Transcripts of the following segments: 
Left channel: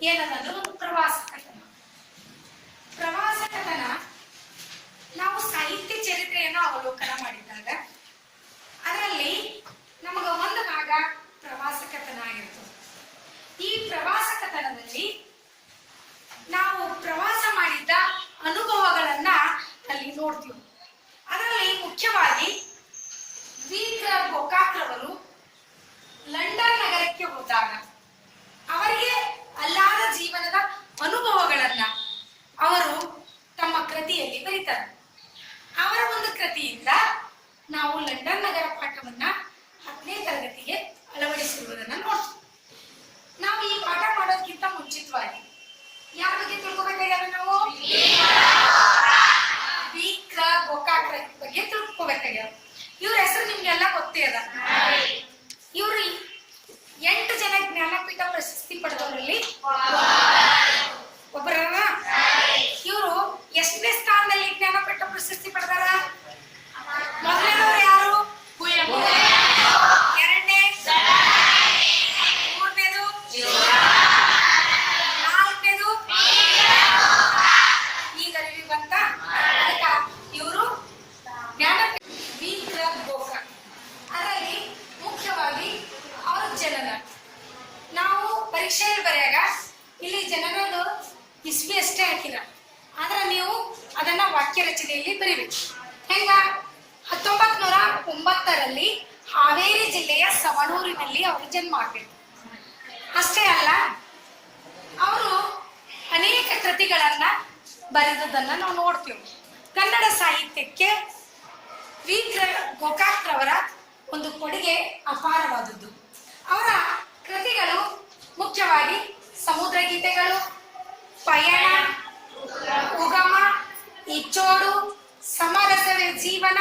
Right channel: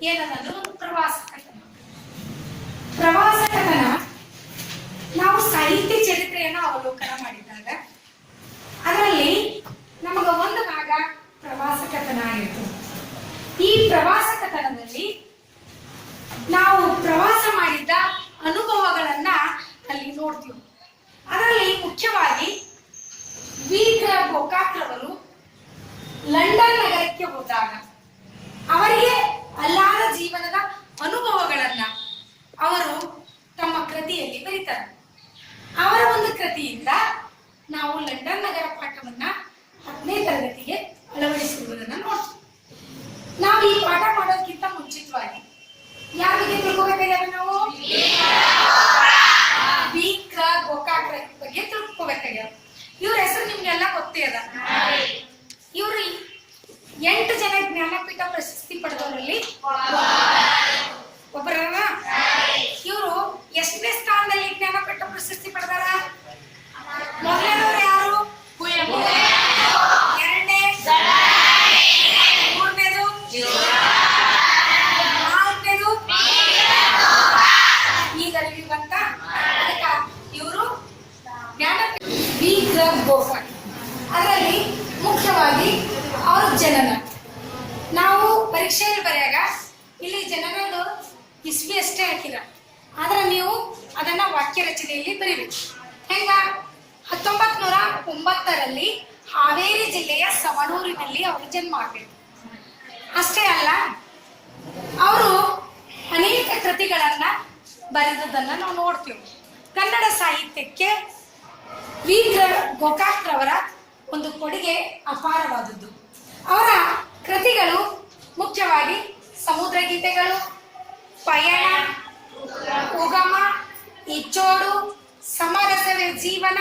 ಏನನ್ನೋದು ಒಂದು ಪ್ರವಾಸ ಕಥನ. ಪ್ರವಾಸ ಕಥನ ನಾವು ಸಾಹಿತ್ಯ ಚರಿತ್ರೆಯನ್ನು ಅವಲೋಕನ ಮಾಡಿದಾಗ ಅದರಲ್ಲಿ ನಮಗ ಒಂದು ಭಾಗ ಪ್ರವಾಸ ಕಥನ ಆಗಿರ್ತದೆ ಈ ಪ್ರವಾಸ ಕಥನದಲ್ಲಿ ನಾವು ಪ್ರವಾಸ ಮಾಡಿದ್ದ ಅನುಭವಗಳನ್ನ ಅಲ್ಲಿ ನೋಡ್ತೀವಿ. ಅದರಲ್ಲಿ ಮುಖ್ಯವಾಗಿ ವೀರ ಗೋಕಾಕ್ರವರು ಲಂಡನ್ ನಗರಕ್ಕೆ ಹೋದಾಗ ಅವರಿಗೆ ಅಲ್ಲಾದ ಜೀವನದ ಅನುಭವಗಳನ್ನ ಅವರು ತಮ್ಮ ಕೃತಿಯಲ್ಲಿ ಬರೀತಾರೆ ಅವರ ಒಂದು ಕೃತಿಯಿಂದ ನಾವು ಲಂಡನ್ ನಗರ ಪಾಠವನ್ನ ಹತ್ತನೇ ತರಗತಿಗೆ ಅಳವಡಿಸಿರುವುದನ್ನ ನೋಡ್ತೀವಿ ನಾವು ಈ ಪಾಠ ಮಾಡೋದಕ್ಕಿಂತ ಮುಂಚಿತವಾಗಿ ಯಾರ ಬಗ್ಗೆ ತಿಳ್ಕೊಬೇಕಾಗ್ಯದ ನಾವು ವೀಕ್ರ ಗೋಕಾಕ್ರ ಬಗ್ಗೆ ತಿಳ್ಕೊಬೇಕಾಗ್ಯದ ಇವ್ರ ಹೆಸರು ನಿಮ್ಗೆಲ್ಲ ಗೊತ್ತೇ ಅದ ಇವ್ರು ಎಂಟು ಜನ ಜ್ಞಾನಪೀಠ ಪ್ರಶಸ್ತಿ ಪಡೆದವರಲ್ಲಿ ಒಬ್ಬರ ಇವರು ಎಷ್ಟನೇ ಸ್ಥಾನದಲ್ಲಿ ಜ್ಞಾನಪೀಠ ಪ್ರಶಸ್ತಿ ಪಡೆದಾರ ಮೊದಲನೇದವ್ರು ಯಾರು ಎರಡನೇ ಮೂರನೇದು ನಾಲ್ಕನೇದು ಈಗ ಅರಿವಿ ಬಂತ ಅದಕ್ಕ ಇವರು ಜ್ಞಾನಪೀಠ ವಿ ಗ್ರ ಗೋಕಾಕ್ ಅದರಲ್ಲಿ ಮುಖ್ಯವಾಗಿ ಅವ್ರ ಜನನ ನಾವು ಪರೀಕ್ಷೆಯಲ್ಲಿ ಬರೆಯಾಗ ಇಲ್ಲಿ ಜನನದು ಇಸ್ವಿ ಅಷ್ಟೇ ಹಾಕಿರ ಆದ್ರೆ ನೀವು ಅದನ್ನ ವಾಕ್ಯ ರಚನೆಯಲ್ಲಿ ಬರೀಬೇಕು ಹೆಂಗ ಹತ್ತೊಂಬತ್ ನೂರ ಒಂಬತ್ತರಲ್ಲಿ ಹಾವೇರಿ ಜಿಲ್ಲೆಯ ಸವಣೂರಿನಲ್ಲಿ ಅವರು ಜನ್ಮ ಆಗಬೇಕು ಅಷ್ಟೇ ಅಲ್ಲ, ಅವರು ಅನೇಕ ಕೃತಿಗಳನ್ನ ಬರೆದದನ್ನ ನಾವು ನೋಡ್ತೀವಿ. ಕನ್ನಡ ಸಾಹಿತ್ಯಕ್ಕೆ ವೀರ ಗೋಕಾಕ್ರವರ ಒಂದು ಕೊಡುಗೆ ಅಪಾರವಾದದ್ದು. ಅವರ ಕೃತಿಗಳು ಮುಖ್ಯವಾಗಿ ಸಮುದ್ರ ಗೀತೆಗಳು ಪಯಣ, ಉಗಮ, ಇಚ್ಚೋಡು ಸಮರಸವೇ ಜೀವನ,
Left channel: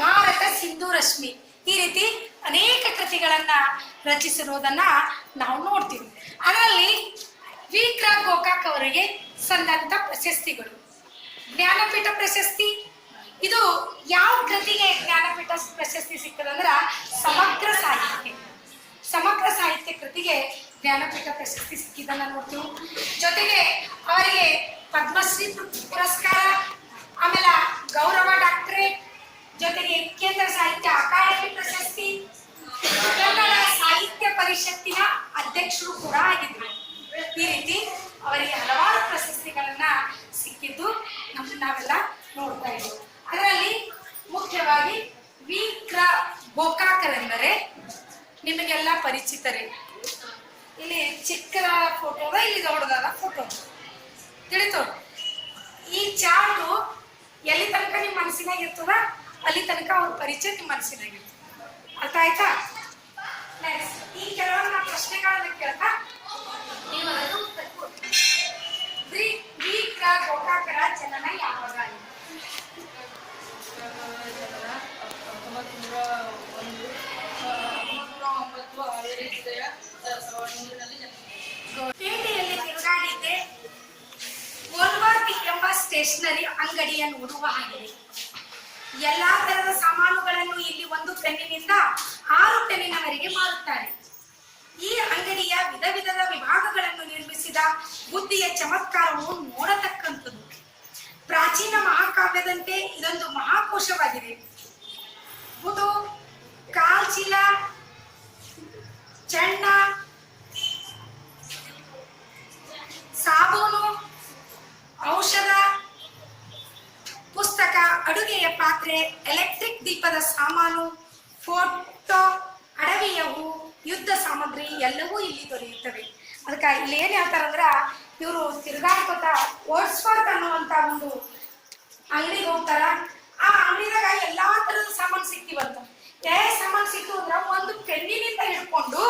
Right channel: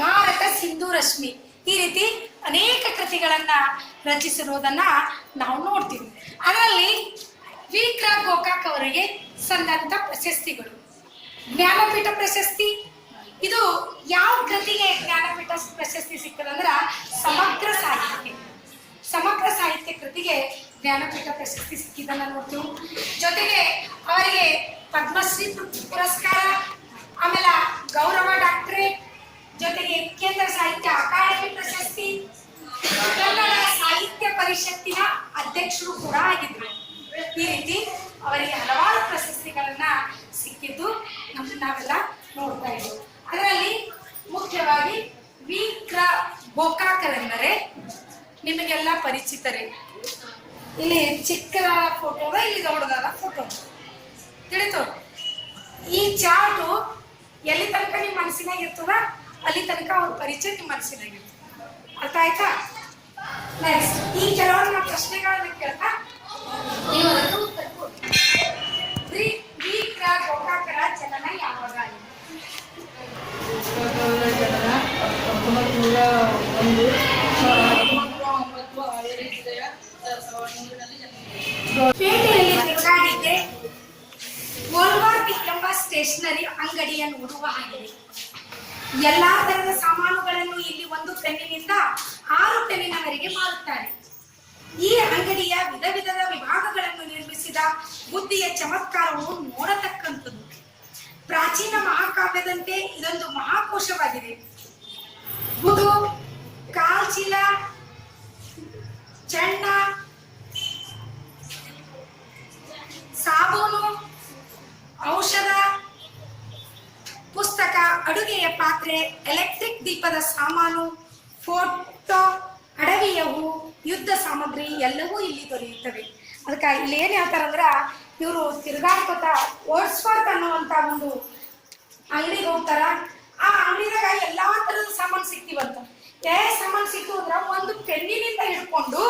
ಭಾರತ ಸಿಂಧು ರಶ್ಮಿ. ಈ ರೀತಿ ಅನೇಕ ಕೃತಿಗಳನ್ನ ರಚಿಸಿರುವುದನ್ನ ನಾವು ನೋಡ್ತೀವಿ. ಅದರಲ್ಲಿ ವಿಕ್ರ ಗೋಕಾಕ್ ಅವರಿಗೆ ಸಂದಂತ ಪ್ರಶಸ್ತಿಗಳು. ಜ್ಞಾನಪೀಠ ಪ್ರಶಸ್ತಿ. ಇದು ಯಾವ ಕೃತಿಗೆ ಜ್ಞಾನಪೀಠ ಪ್ರಶಸ್ತಿ ಸಿಕ್ಕದಂದ್ರ ಸಮಗ್ರ ಸಾಹಿತ್ಯ ಸಮಗ್ರ ಸಾಹಿತ್ಯ ಕೃತಿಗೆ ಜ್ಞಾನಪೀಠ ಪ್ರಶಸ್ತಿ ಸಿಕ್ಕಿದ್ದನ್ನ ನೋಡ್ತೀವಿ. ಜೊತೆಗೆ ಅವರಿಗೆ ಪದ್ಮಶ್ರೀ ಪುರಸ್ಕಾರ, ಆಮೇಲೆ ಗೌರವ ಡಾಕ್ಟರೇಟ್ ಜೊತೆಗೆ ಕೇಂದ್ರ ಸಾಹಿತ್ಯ ಅಧ್ಯಕ್ಷರು ಕೂಡ ಆಗಿದ್ರು. ಈ ರೀತಿ ಅವರಿಗೆ ಹಲವಾರು ಪ್ರಶಸ್ತಿಗಳನ್ನ ಸಿಕ್ಕಿದ್ದು ನಮ್ ನಾವೆಲ್ಲ ನೋಡ್ತಾ ಇದ್ದೀವಿ. ಅದರಲ್ಲಿ ಮುಖ್ಯವಾಗಿ ವಿ ಕ್ರ ಗೋಕಾಕರೆಂದರೆ ನಿಮಗೆಲ್ಲ ಪರಿಚಿತರೇ? ಇಲ್ಲಿ ಚಿಕ್ಕದ ಫೋಟೋ ಅದ, ಇಲ್ಲಿ ದೊಡ್ಡದಾದ ಫೋಟೋ ತಿಳಿತು? ಈ ಚಾರ್ಟು ಎಲ್ಲಿ ತನಕ ನಿಮ್ಮ ಮನಸ್ಸಿನಾಗ ಇರ್ತದ? ಅಲ್ಲಿ ತನಕ ಅವ್ರ ಪರಿಚಯ ನಿಮ್ಮ ಮನಸ್ಸಿನಾಗಿರ್ತದೆ ಅರ್ಥ ಆಯ್ತಾ? ನೆಕ್ಸ್ಟ್ ಈ ಕೆಲವೊಂದು ಪ್ರಶ್ನೆಗಳನ್ನು ಕೇಳ್ತಾ. ನೀವು ಎಂಬ ಸ್ಟೇಷನರಿ ಅಂಗಡಿಯನ್ನು ನೋಡುವ ಆಗಿದೆ ಎಲ್ಲಾ ತರದ ಸಾಮಾನುಗಳನ್ನು ಇಲ್ಲಿ ಒಂದು ಪೆನ್ನಿನಿಂದ ಆರು ಪೆನ್ನಿನವರೆಗೆ ಮಾರುತ್ತಾರೆ ಈ ಅಂಗಡಿಯ ವಿಧ ವಿಧದ ವಿಭಾಗಗಳನ್ನು ಬುದ್ಧಿಯ ಚಮತ್ಕಾರವು ನೋಡತಕ್ಕಂಥದ್ದು. ಪ್ರಾಚೀನ ಮಹಾಕಾವ್ಯದಂತೆ ಇದೊಂದು ಮಹಾಕೋಶವಾಗಿದೆ. ಬುಧು, ಕಾಲ್ಚೀಲ, ಚಣ್ಣ, ಸಾಬೂನು, ಔಷಧ, ಪುಸ್ತಕ, ಅಡುಗೆಯ ಪಾತ್ರೆ, ಎಲೆಕ್ಟ್ರಿಕ್ ದೀಪದ ಸಾಮಾನು, ಫೋಟೋ ಅಡವಿಯವು ಯುದ್ಧ ಸಾಮಗ್ರಿ ಎಲ್ಲವೂ ಇಲ್ಲಿ ದೊರೆಯುತ್ತವೆ. ಅದಕ್ಕೆ ಇಲ್ಲಿ ಹೇಳ್ತಾರೆ ಅಂದ್ರೆ ಇವರು ತಿರುಗಾಡ್ಕೋತ ಓಡಿಸ್ಫೋರ್ಟ್ ಅನ್ನುವಂತ ಒಂದು ಅಂಗಡಿಗೆ ಹೋಗ್ತಾರ. ಆ ಅಂಗಡಿದಾಗ ಎಲ್ಲಾ ತರದ ಸಾಮಾನು ಸಿಕ್ತಿವಂತ. ಏ, ಸಾಮಾನು ಸಿಕ್ತು ಅಂದ್ರ ಒಂದು ಪೆನ್ನಿನಿಂದ ಹಿಡ್ಕೊಂಡು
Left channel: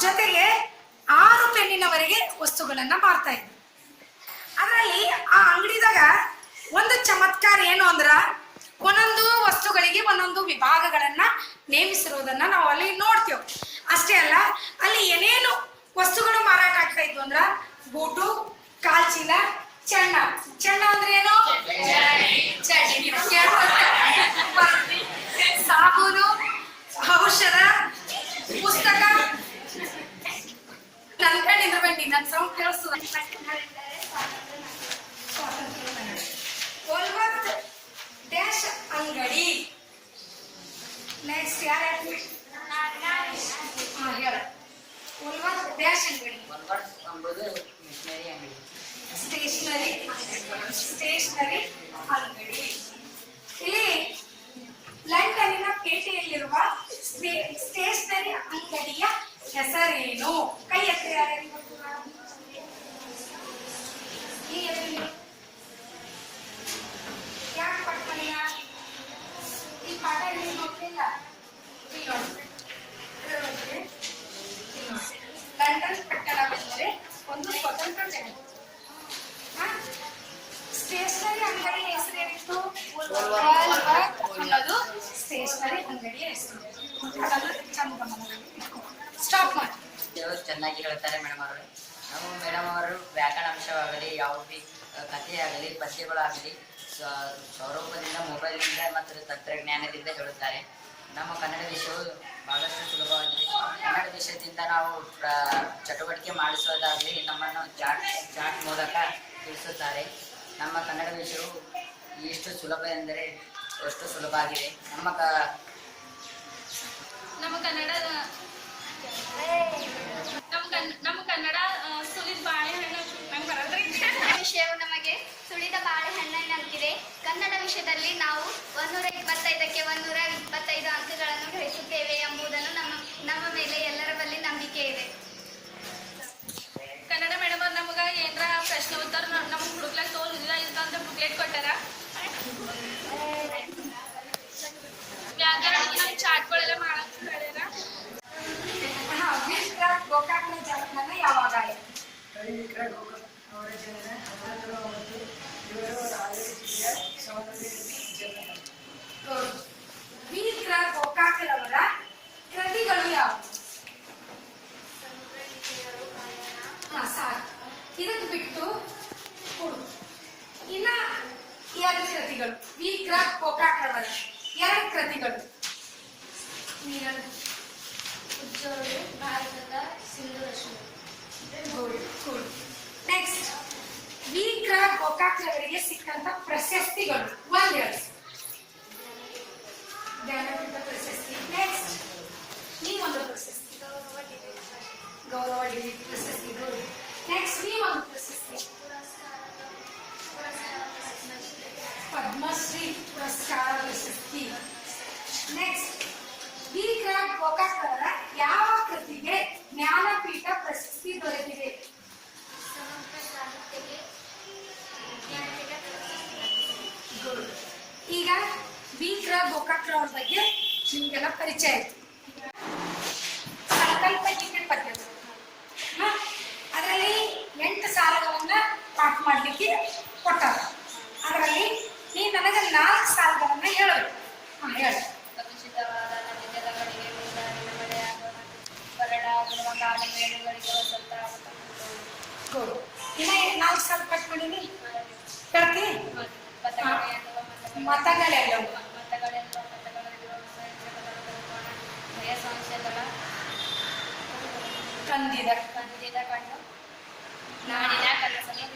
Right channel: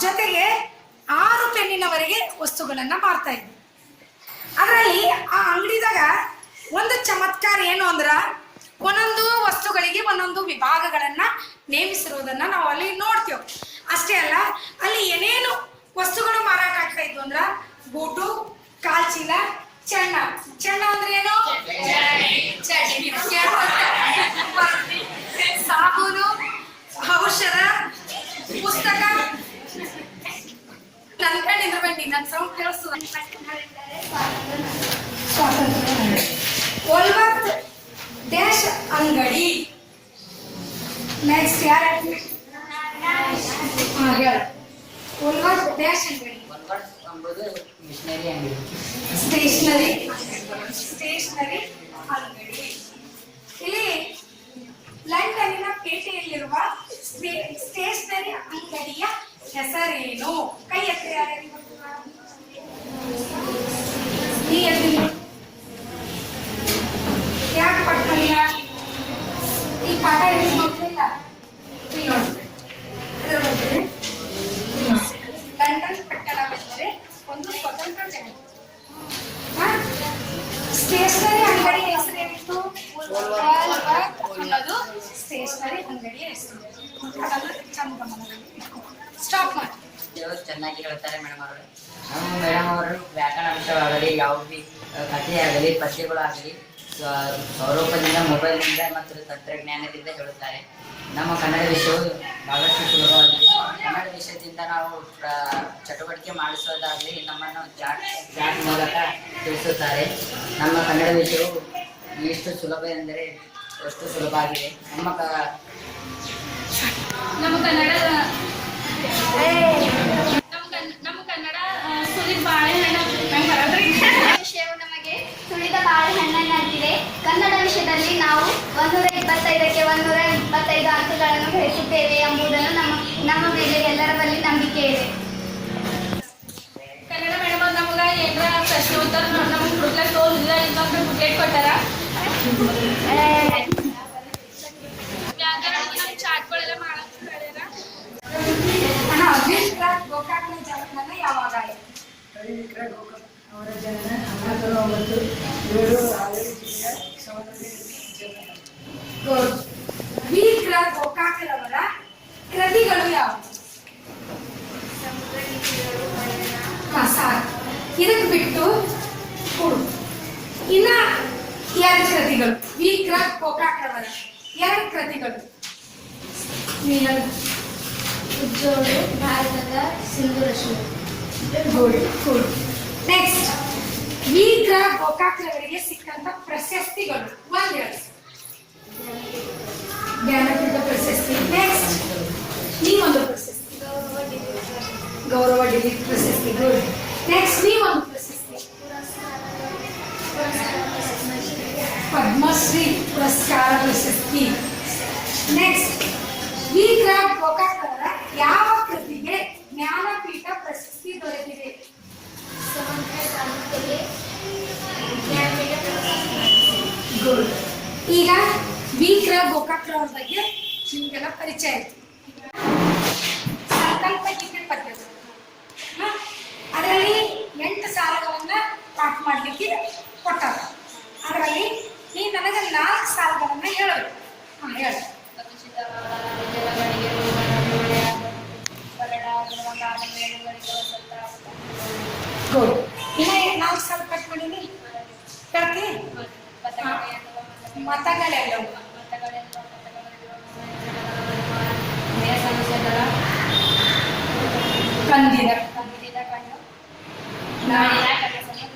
ಜೊತೆಗೆ ಆರು ಪೆನ್ನಿನವರೆಗೆ ವಸ್ತುಗಳನ್ನ ಮಾರ್ತಾ ಇದ್ರು. ಅದರಲ್ಲಿ ಆ ಅಂಗಡಿದಾಗ ಒಂದು ಚಮತ್ಕಾರ ಏನು ಅಂದ್ರ ಒಂದೊಂದು ವಸ್ತುಗಳಿಗೆ ಒಂದೊಂದು ವಿಭಾಗಗಳನ್ನ ನೇಮಿಸಿರುವುದನ್ನ ನಾವು ಅಲ್ಲಿ ನೋಡ್ತೇವೆ. ಅಷ್ಟೇ ಅಲ್ಲ, ಅಲ್ಲಿ ಏನೇನು ವಸ್ತುಗಳು ಮಾರಾಟ ಆಗ್ತಾ ಇದ್ವು ಅಂದ್ರ ಬೂಟು, ಕಾಲ್ಚೀಲ ಚೆನ್ನ ಚೆನ್ನ ಅಂದ್ರೆ ಏನು. ಸಾಬೂನು, ಔಷಧ, ಪುಸ್ತಕ. ನನ್ ಕಣ್ಣಿಂದ ಬನ್ನಿ ನನ್ ಸೌಂಡ್ ಸ್ವಾತಂತ್ರ್ಯ ಒಲ್ವತ್ ಡ್ಯಾಶ್ ಅಂಗಡಿ. ನೆಕ್ಸ್ಟ್ ಯಾರು? ಹೇಳ. ಎಂಬುದು ಮಿಷನರಿ ಅಂಗಡಿ ಸ್ಟೇಷನರಿ ಸ್ಟೇಷನರಿ ಅಂಗಡಿ ಇಲ್ಲಿ ಲಂಡನ್ನಿನ ಪೇಟೆಯಲ್ಲಿರುವ ಸ್ಟೇ- ಸ್ಟೇಷನರಿ ಅಂಗಡಿಯ ಹೆಸರೇನು? ಕೈ ಎತ್ತಿ ಗೊತ್ತಿಲ್ಲ? ನೀ ಎತ್ತಿ ಯಾಕೆ ಪಟ್ಟಲ್ಲ ಈ ಪಾಠ ಎಲ್ಲಿ ಗೊತ್ತಿಲ್ಲ ಇಲ್ಲಿ ನೋಡಿ ಇದರ ಬಗ್ಗೆ ಇಲ್ಲಿ ನೋಡಿ. ಲಂಡನ್ ಪಟ್ಟಣವೆಂದರೆ ಒಂದು ಸ್ವತಂತ್ರ ಜಗತ್ತು ಸ್ಟೇಷನರಿ ಅಂಗಡಿಯ ಹೆಸರೇನಿತ್ತು ವಾಲ್ವರ್ತ್ ಅನ್ನೋದು ಸ್ಟೇಷನರಿ ಅಂಗಡಿಯ ಹೆಸರು ಸ್ಟಾಪ್ ಮಾಡಿ. ಚೆನ್ನಾಗಿ ಹೇಳ್ತಾರೆ ಮೇಡಮ್ ಅವರು. ನಮ್ಮ ಮೇಡಮ್ ಅವರು ವ್ಯಾಕರಣ ಅಂಶವಾಗಲಿ ಯಾವುದೇ ಕಥೆಯಾಗಲಿ ಪದ್ಯಗಳಾಗಲಿ ಸ್ವ- ಸ್ವರೂಪದಿಂದ, ಮೊಬೈಲ್ನಿಂದ ಮತ್ತು ತಂತ್ರಜ್ಞಾನದಿಂದ ಹೇಳುತ್ತಾರೆ. ನಮ್ಮ ಕನ್ನಡ ವಿಷಯವು ಬಹಳಷ್ಟು ಸುಲಭವಾಗಿದೆ. ಕನ್ನಡ ವಿಷಯದಿಂದ ನಾವು ಚಟುವಟಿಕೆ ಮಾಡಿಸೋದಾಗಲಿ, ನಮ್ಮನ್ನು ಚಾಟ್ ಚಾಟ್ ಮೂಲಕ ತಿಳಿಸುತ್ತಾರೆ. ನಮ್ಮ ಕನ್ನಡ ವಿಷಯವು ಎಷ್ಟು ಸುಲಭ ಎಂದರೆ ಅಷ್ಟು ಸುಲಭ ಆಗಿದೆ. ನಮ್ಮ ಕ ನಮ್ಮ ಕನ್ನಡ ನಮ್ಮ ಕನ್- ನಮ್ಮ ಕನ್ನಡ ಸುಲಿದ ಬಾಳೆಹಣ್ಣು ವಿಷಯವು ನಮಗೆ ಸುಳಿದ ಬಾಳೆಹಣ್ಣಾಗಿದೆ ಕನ್ನಡ ವಿಷಯದಲ್ಲಿ ನಾವು ಒಂದೂರ ಇಪ್ಪತ್ತೈದಕ್ಕೆ ಒಂದೂರ ಇಪ್ಪತ್ತೈದು ಅಂಕಗಳನ್ನು ಗಳಿಸುತ್ತೇವೆ ಎಂಬುದನ್ನು ನಮ್ಮ ನಮ್ಮ ಮೇಲೆ ಎಲ್ಲರ ಬಳಿ ಏನಾರ ಪ್ರಶ್ನೆ ಉತ್ತರ ನಮ್ಗೆ ಹುಡುಕ್ಲಕ್ಕೆ ತೋರಿಸಿದ ಇನ್ನೊಂದು ಬುಕ್ಲೆಟ್ ಕೊಟ್ಟಾರ? ವ್ಯಾಕರಣ ನಮ್ಮ ಚಾಟ್ಗಳೆಲ್ಲ ಮಾಡಕ್ಕೆ ಹೇಳ್ಯಾರ ಅಣ್ಣ ವಿಶ್ವರಾಜ್ ಗೋಕಾಕ್ನ ಜನ್ಮನ ಯಾವಾಗ ಅವರ ಜನ ಹನ್ನೊಂದು ಒಂಬತ್ತು ಏಳು ಹಾವೇರಿ ಜಿಲ್ಲೆಯ ಸವಣೂರು ಜನನ ಗುಡ್ ವೀರ ಗೋಕಾಕರವರ ಕೃತಿಗಳು ಯಾವುವು ಹಾ ಸಾಕು ಇದಕ್ಕೆ ಬಿಟ್ಟು ಕೊಡು ಇನ್ನ ಎರಡು ಕೃತಿಗಳು. ವೀರ ಕೋಕಾಕ್ರವರ ಎರಡು ಕೃತಿಗಳು. ಉಜ್ಜೋಳು ಭಾರತದ Sindhu Rashmi good good next ವೀರ ಗೋಕಾಕ್ರವರಿಗೆ ಸಿಕ್ಕಂತ ಪ್ರಶಸ್ತಿಗಳು. ಒಂದ್ ಹೇಳಿ ಜ್ಞಾನಪೀಠ ಪ್ರಶಸ್ತಿ. ನೆಕ್ಸ್ಟ್ ನೀವೊಂದು ಪ್ರಶಸ್ತಿ. ಗೌರವ ಡಿಗ್ರಿ ಪ್ರಶಸ್ತಿ. ಗುಡ್ ನೆಕ್ಸ್ಟ್ ಜ್ಞಾನಪೀಠ ಪ್ರಶಸ್ತಿ ದೊರೆತಿದೆ. ಈಗ ವೀಕ್ರ ಗೋಕಾಕ್ರವ್ರ ಬಗ್ಗೆ ನಿಮಗೆಲ್ಲ ಪರಿಚಯ ಆಯ್ತು. ಸಂಕಲ್ಪ ಗೀತೆ ಹ? ಅದರಲ್ಲಿ ಎಂಟು ಸಾಲಗಳನ್ನ ಪಾಠ ಮಾಡ್ಲಿಕ್ಕೆ ಕೊಟ್ಟಾರ. ಅದರಲ್ಲಿ ನೀ ನನಗೆ ನಾಲ್ಕು ಸಾಲಗಳನ್ನ ಹೇಳಬೇಕು. ಹಾ ಹೇಳು. ಗುಡ್ ಇನ್ನ ನಾಲ್ಕು ಸಾಲ ಕಟ್ ಮಾಡೀನಿ ಹೇಳ್ತಿ ಮತಗಳೆಲ್ಲ. ಕಂದಿದ ಕಂದಿದ ನಾಡಿನ ಕನಸನ್ನು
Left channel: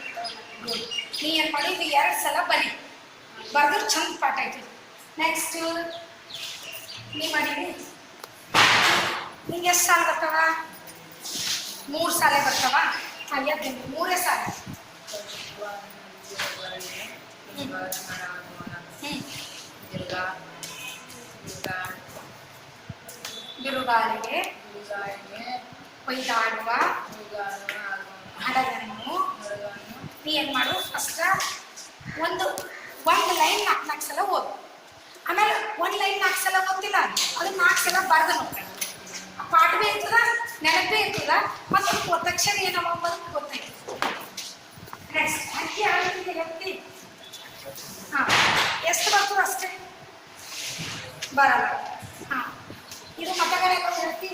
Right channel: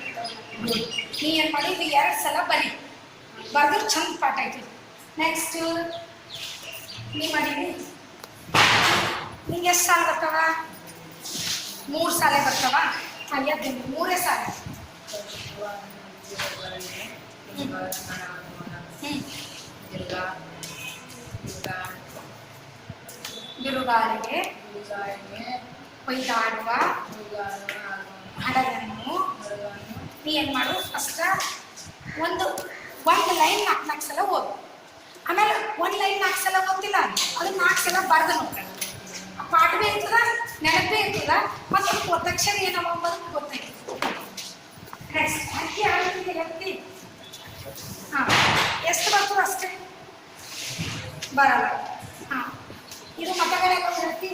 ನೀ ಏನ್ ಮಾಡಿ ಇದು ಎರಡು ಸಲ ಬರಿ. ಬರ್ದ್ರೆ ಚಂದ ಪಾಠ ಐತಿ ನೆಕ್ಸ್ಟ್ ನೀ ಮಾಡೀನಿ ನಿಂಗೆ ಎಷ್ಟು ಸಾಲ ಬರ್ತಾವ? ಮೂರು ಸಾಲ ಬರ್ತಾವ? ಹಾಗೆ ಮೂರೇ ಸಾಲ ಬಿರುಗಾಳಿಗೆ ಕೊಯ್ದಾಡುವ ಹಡಗನ್ನು ನೀ ಏನ್ ಮಾಡು ಫಸ್ಟ್ ಒಂದು ಒಂದು ಲೈನ್ ನಾಲ್ಕು ನಾಲ್ಕು ಸಲ ಓದು ಆಮೇಲೆ ಒಂದು ಲೈನ್ ನಾಲ್ಕು ಸಲ ಓದ್ತಿಲ್ಲ ಅದು ನಾಲ್ಕು ಸಲ ಬರ್ದು ನೋಡ್ಕೊಂಡು ಆ ಪಾಠ ಭೀ ಇರ್ತದ? ನೆನಪೇ ಇರ್ತದ ಮತ್ತು ಒತ್ತಕ್ಷರ ಏನವ ಅಂಬೋದು ಗೊತ್ತಾಯ್ತು ನೆಕ್ಸ್ಟ್ ಅಕ್ಕಿ ಆಡ್ತಿದ್ದೆ ಎತ್ತಿ ಹಾಂ ಎಷ್ಟು ಬರ್ತದೆ ಅಷ್ಟೇ ಬರಲ್ಲ ಹಾಂ ಇದು ಮತಗಳೆಲ್ಲ ಹೇಳ್ತಿ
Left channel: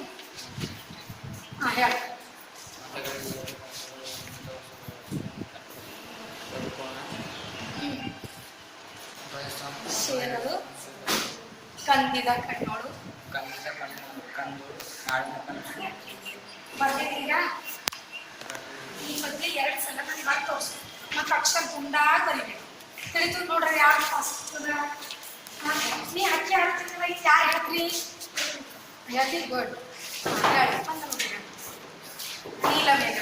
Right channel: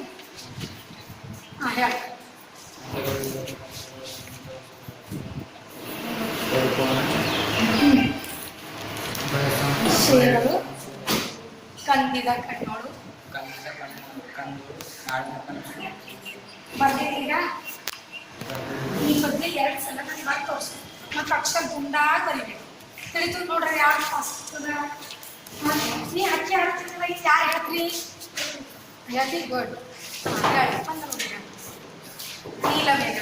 ಹಾಂ ಹೇಳಿ ಶೇರಲು ಕಂದಿದ ಕಣ್ಣೋಳು ಕಂದು ಕಂದು ಬರ್ದಿದ್ದೀರಾ? ಬಗ್ಗೆ ಎರಡು ಸಲ ನಾನು ಮಾಡಿ ತೋರಿಸ್ತೀನಿ ಮತ್ತು ಅಕ್ಷರ ಗುಂಡಾಗಿ ಬರಿಬೇಕು. ತಿಳಿತು ನೋಡ್ರಿ ಯಾರು ಫಸ್ಟ್ ನೀ ಅಕ್ಕಿ ಹಾಡ್ತಿದ್ದಲ್ಲ ಈಗ ಯಾರು ಹೇಳ್ರಿ ವೆರಿ ಗುಡ್ ಹೇಳಿ ನೀಲ ಮೇಘ